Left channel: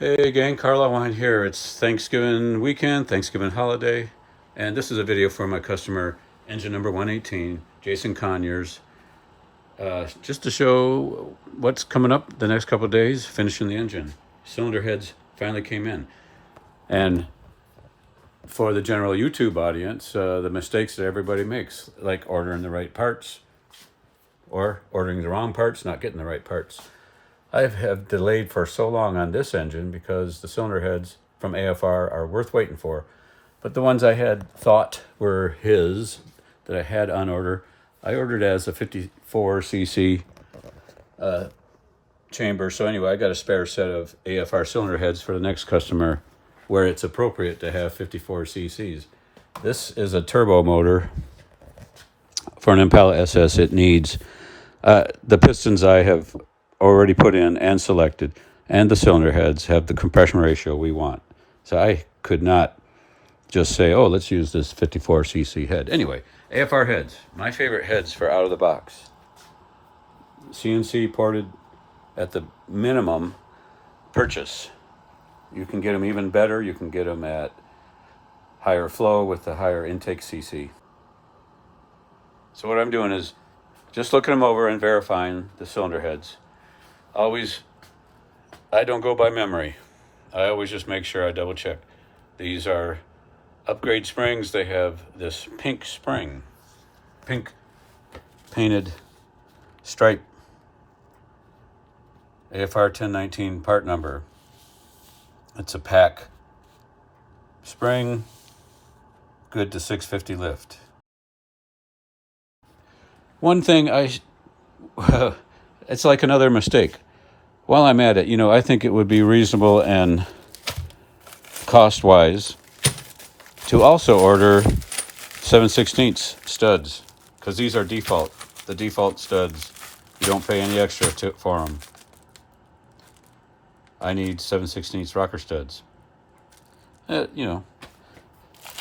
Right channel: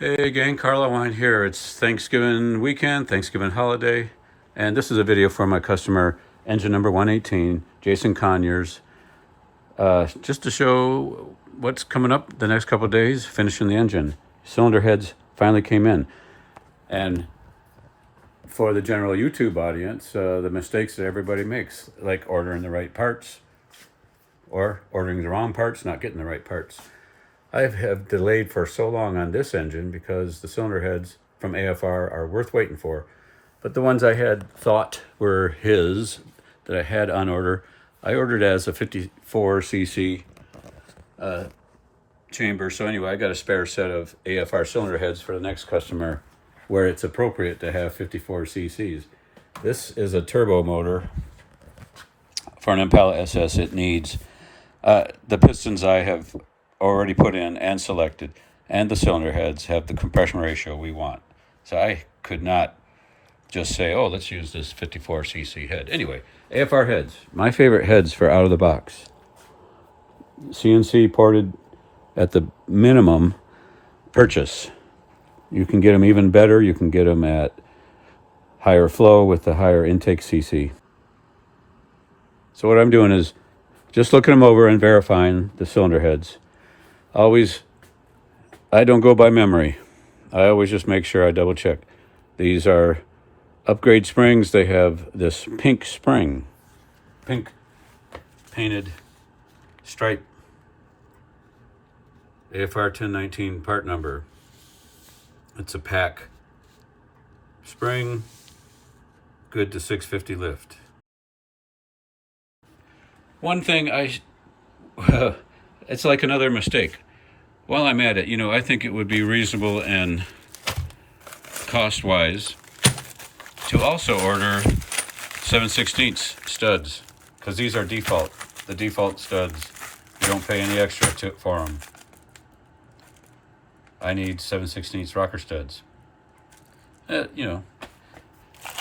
Hey gang, Carla Wine here. It's Thanksgiving weekend, Thanksgiving holiday, and this is a video for my customer, engine number 118, Jason Conyers, just to show what's coming up the next couple of days, finishing the engine. Cylinder heads finally came in. And for the general YouTube audience, the mistakes that everybody makes, like ordering the right parts, or ordering the wrong parts, not getting the right parts. I have delayed for so long on this engine because the cylinder heads from AFR are worth waiting for. But the ones I had thought were his, that I had on order, I ordered as a 54cc chamber. So anyway, I got a spare set of AFR cylinder heads for the next customer where it's appropriate to have 54 cc's. This is a turbo motor for an Impala SS. It needs the pistons I have already put in and selected, and the cylinder heads have the compression ratio we want. So I could not just say, oh, let's use this 54cc head. Anyway, AFR heads, my favorite heads for out of the box. CNC ported at the minimum purchase. You can get them even better. You can get them at higher flow with the higher intake CC. So what I'm doing is just looking them over and verifying the cylinder heads. I don't go by memory. I always just make sure I double check. These are upgrade springs. They have this pink spring, pink painted stripe, AFR 1019 part number. It's a pack spring, good to 650 lift. One thing it's like another mistake. While I'm at it, I think it would be reasonable and cost-wise to also order 7/16 studs, because these are the default studs. You don't pay any extra for them. I need 7/16 rocker studs.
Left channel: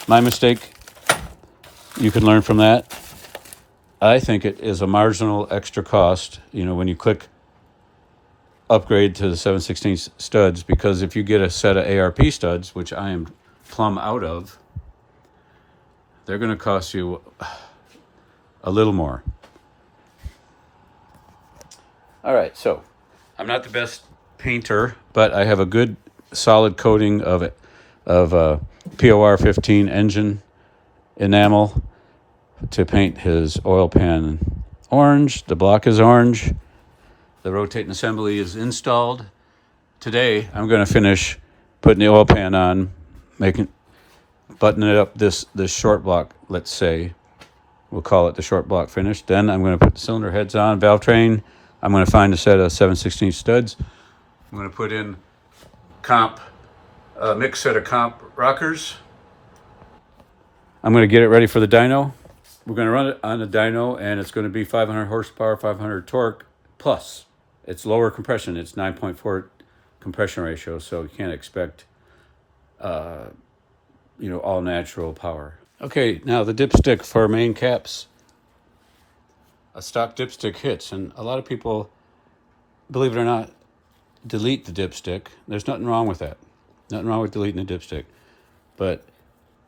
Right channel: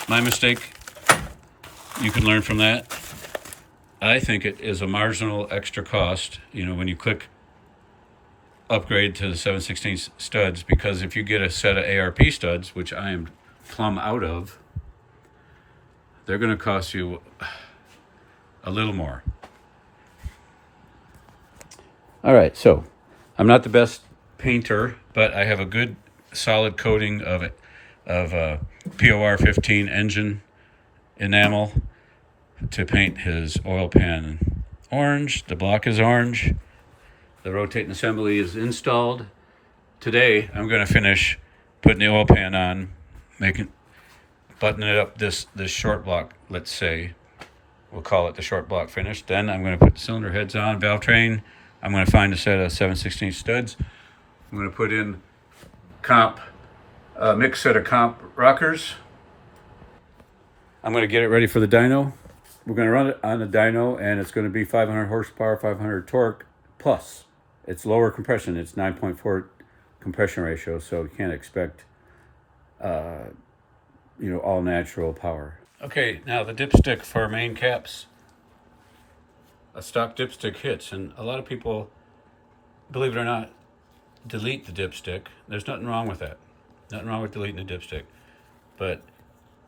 My mistake. You can learn from that. I think it is a marginal extra cost, when you click upgrade to the 7/16 studs, because if you get a set of ARP studs, which I am plumb out of, they're going to cost you a little more. All right, so I'm not the best painter, but I have a good solid coating of POR 15 engine enamel to paint his oil pan orange. The block is orange. The rotating assembly is installed. Today, I'm going to finish putting the oil pan on, buttoning it up this short block, let's say. We'll call it the short block finish. Then I'm going to put the cylinder heads on, valve train. I'm going to find a set of 7/16 studs. I'm going to put in mixed set of comp rockers. I'm going to get it ready for the dyno. We're going to run it on the dyno, and it's going to be 500 horsepower, 500 torque plus. It's lower compression. It's 9.4 compression ratio, so you can't expect, all natural power. Okay, now the dipstick for main caps. A stock dipstick hits, and a lot of people, believe it or not, delete the dipstick. There's nothing wrong with that. Nothing wrong with deleting the dipstick. But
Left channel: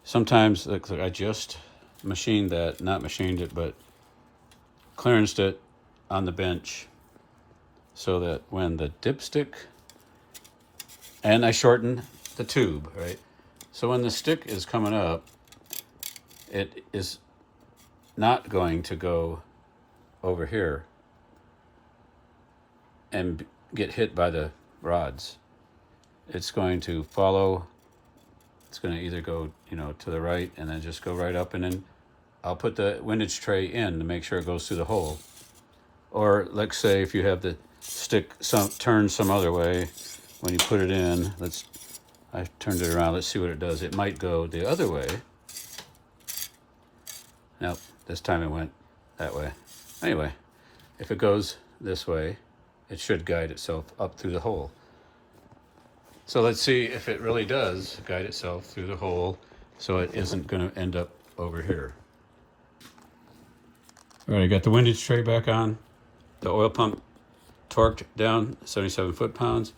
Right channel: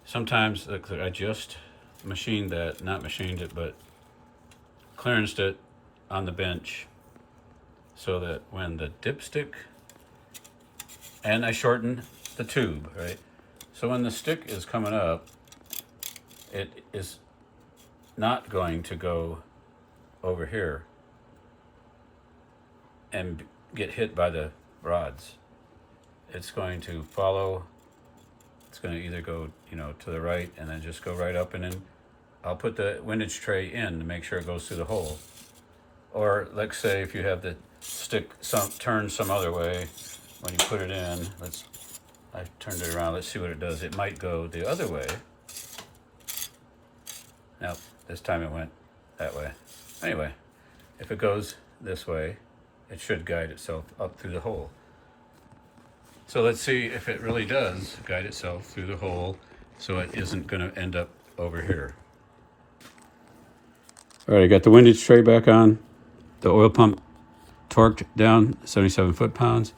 sometimes I just machined it, but clearanced it on the bench, so that when the dipstick, and I shorten the tube, right? So when the stick is coming up, it is not going to go over here and get hit by the rods. It's going to follow. It's going to either go, to the right and then just go right up, and then I'll put the windage tray in to make sure it goes through the hole. Or let's say if you have the stick turned some other way, when you put it in, I turned it around. Let's see what it does. It might go the other way. Nope, this time it went that way. Anyway, if it goes this way, it should guide itself up through the hole. So let's see if it really does guide itself through the hole, so it isn't going to end up over here. All right, I got the windage tray back on. The oil pump torqued down, 77 foot-pounds.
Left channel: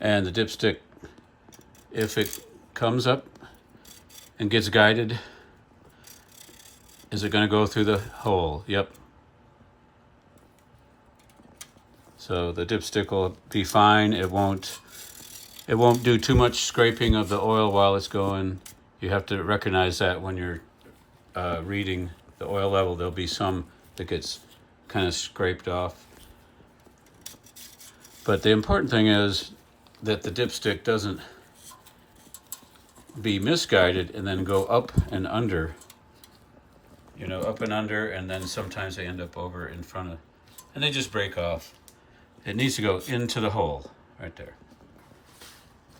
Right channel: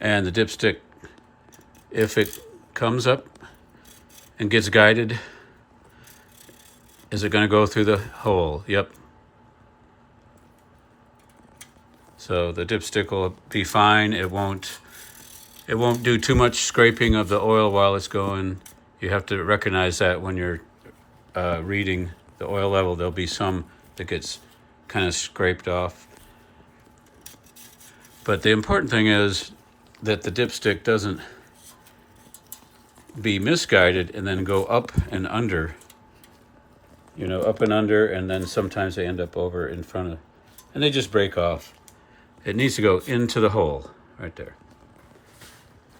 And the dipstick, if it comes up and gets guided, is it going to go through the hole? Yep. So the dipstick will be fine. It won't do too much scraping of the oil while it's going. You have to recognize that when you're reading the oil level. There'll be some that gets kind of scraped off. But the important thing is that the dipstick doesn't be misguided and then go up and under. You know, up and under, and then sometimes they end up over in front of, and they just break off. It needs to go into the hole right there.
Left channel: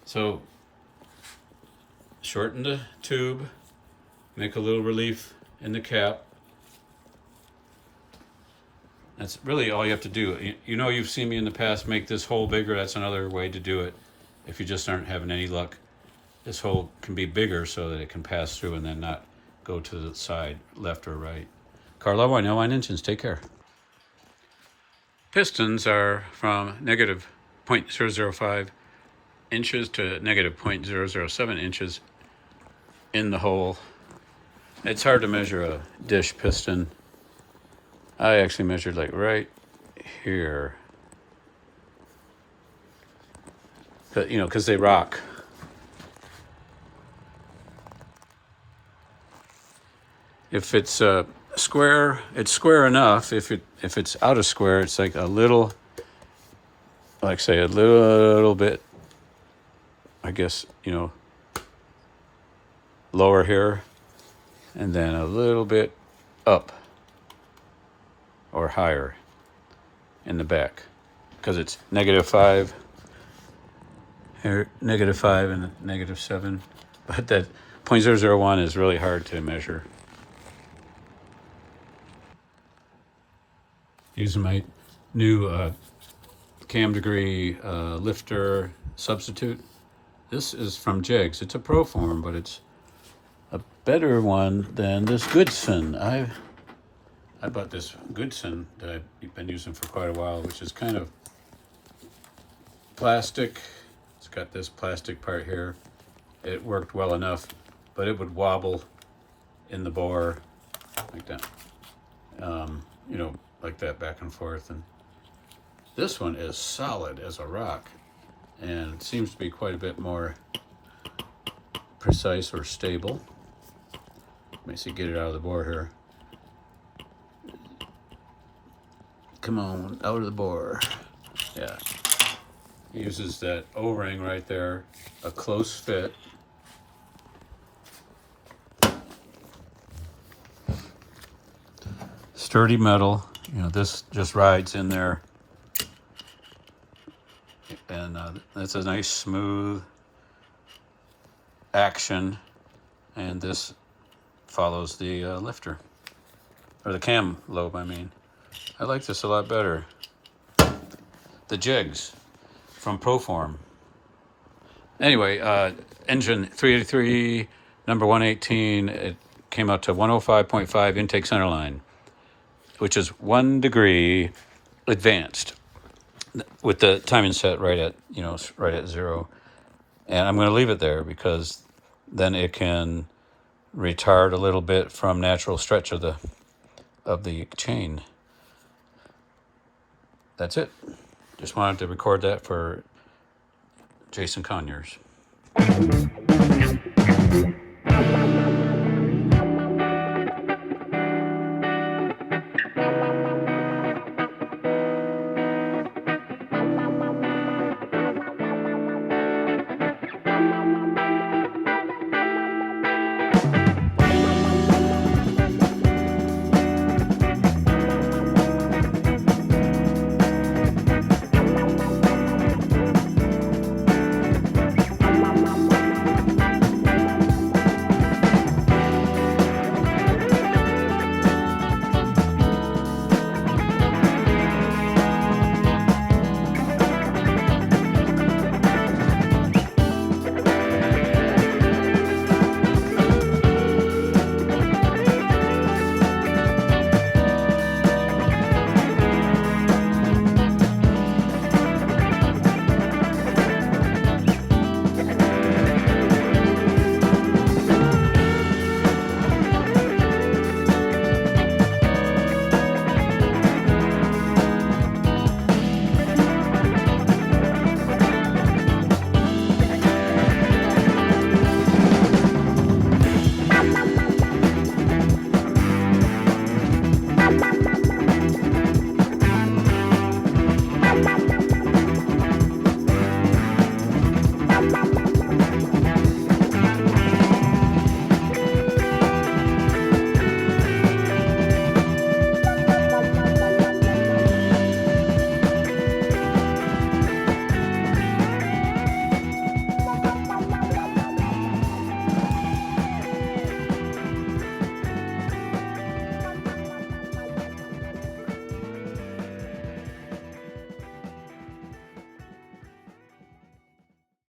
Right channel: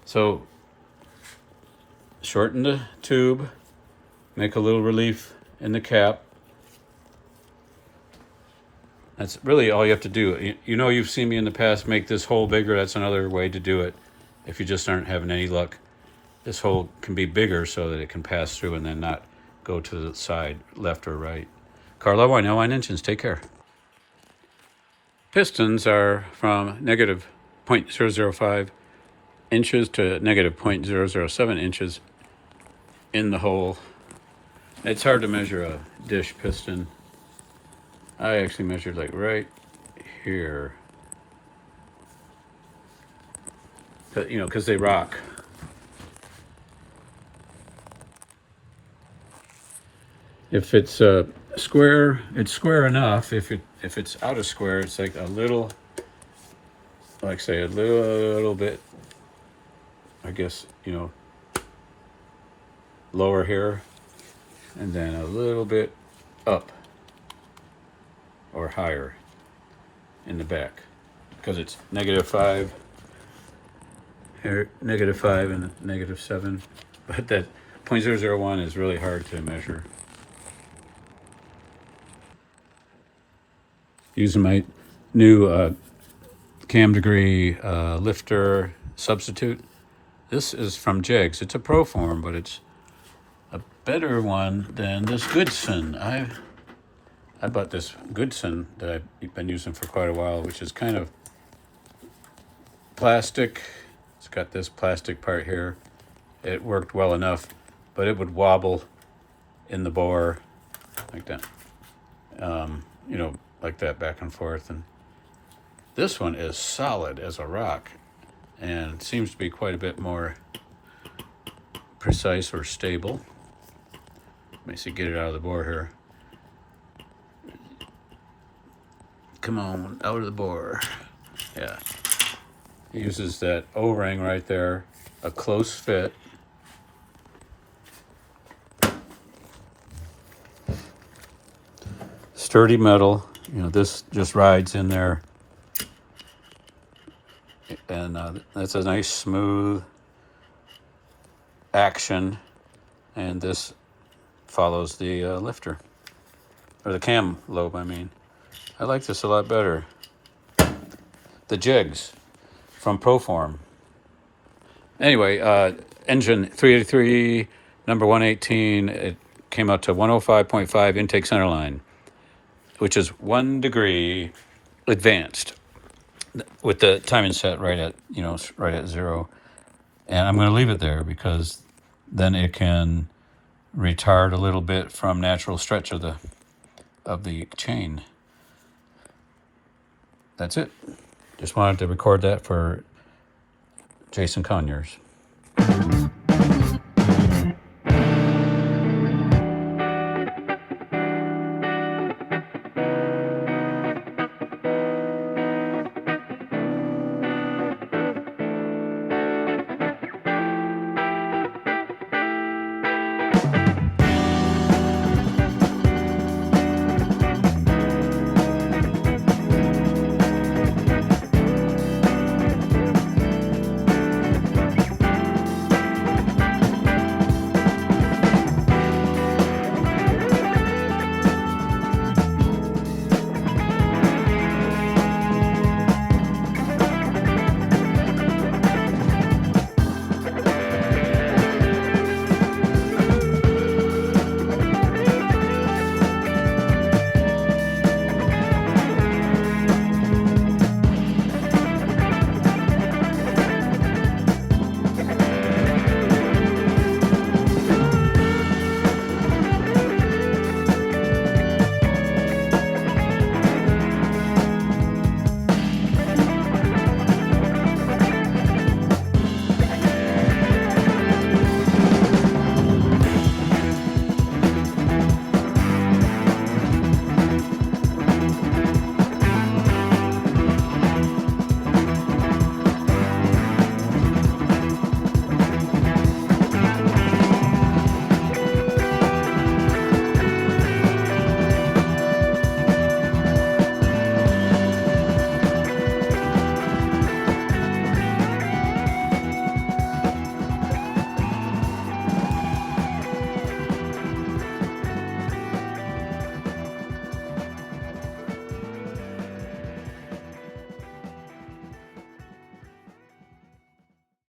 So shorten the tube, make a little relief in the cap. That's really all you have to do. You know, you've seen me in the past make this hole bigger. That's another way to do it if you just aren't having any luck. This hole can be bigger so that it can pass through and then not go to the side, left or right. Carlo, I know 9 engines. Take care. Pistons are from negative 0.005 inches to negative 0.007 inches in the hole. It's hard to measure a dish piston. I actually measured like right here. But, you know, because they rock. If it's square, it's square enough. If it's out of square, it's like a little, like say a little bit, I guess, you know, lower here, and then a little bit up or higher in the back, because it's -5 here, -5 and -7. But that 0.001 is really hard to measure. Using my new cam degree lifter substitute. This is from Jegs. It's a Proform, but it's a better one than this Goodson. I bought this Goodson that I've been using for quite a while, which is kind of plastic. It's got this plastic part here. It worked well enough, but it would wobble in the bore like that. You know, like that, back and forth. And this one is solid as a rock, and it seems to be quite a bit more precise or stable. Let me see, get it out of the bore here. Come on, out of the bore. Yeah. It uses that O-ring right there, a close fit. Sturdy metal. You know, this just rides in there. And that's a nice smooth action. And this follows the lifter. Or the cam lobe, I mean. I like this a lot better. The Jegs from Proform. Anyway, engine 383, number 118. It came out to 105.5 intake centerline, which is 1 degree advanced with the timing set right at, you know, right at 0. And I'm going to leave it there because then it can retard a little bit from natural stretch of the chain. That's it. Just wanted to record that for Jason Conyers.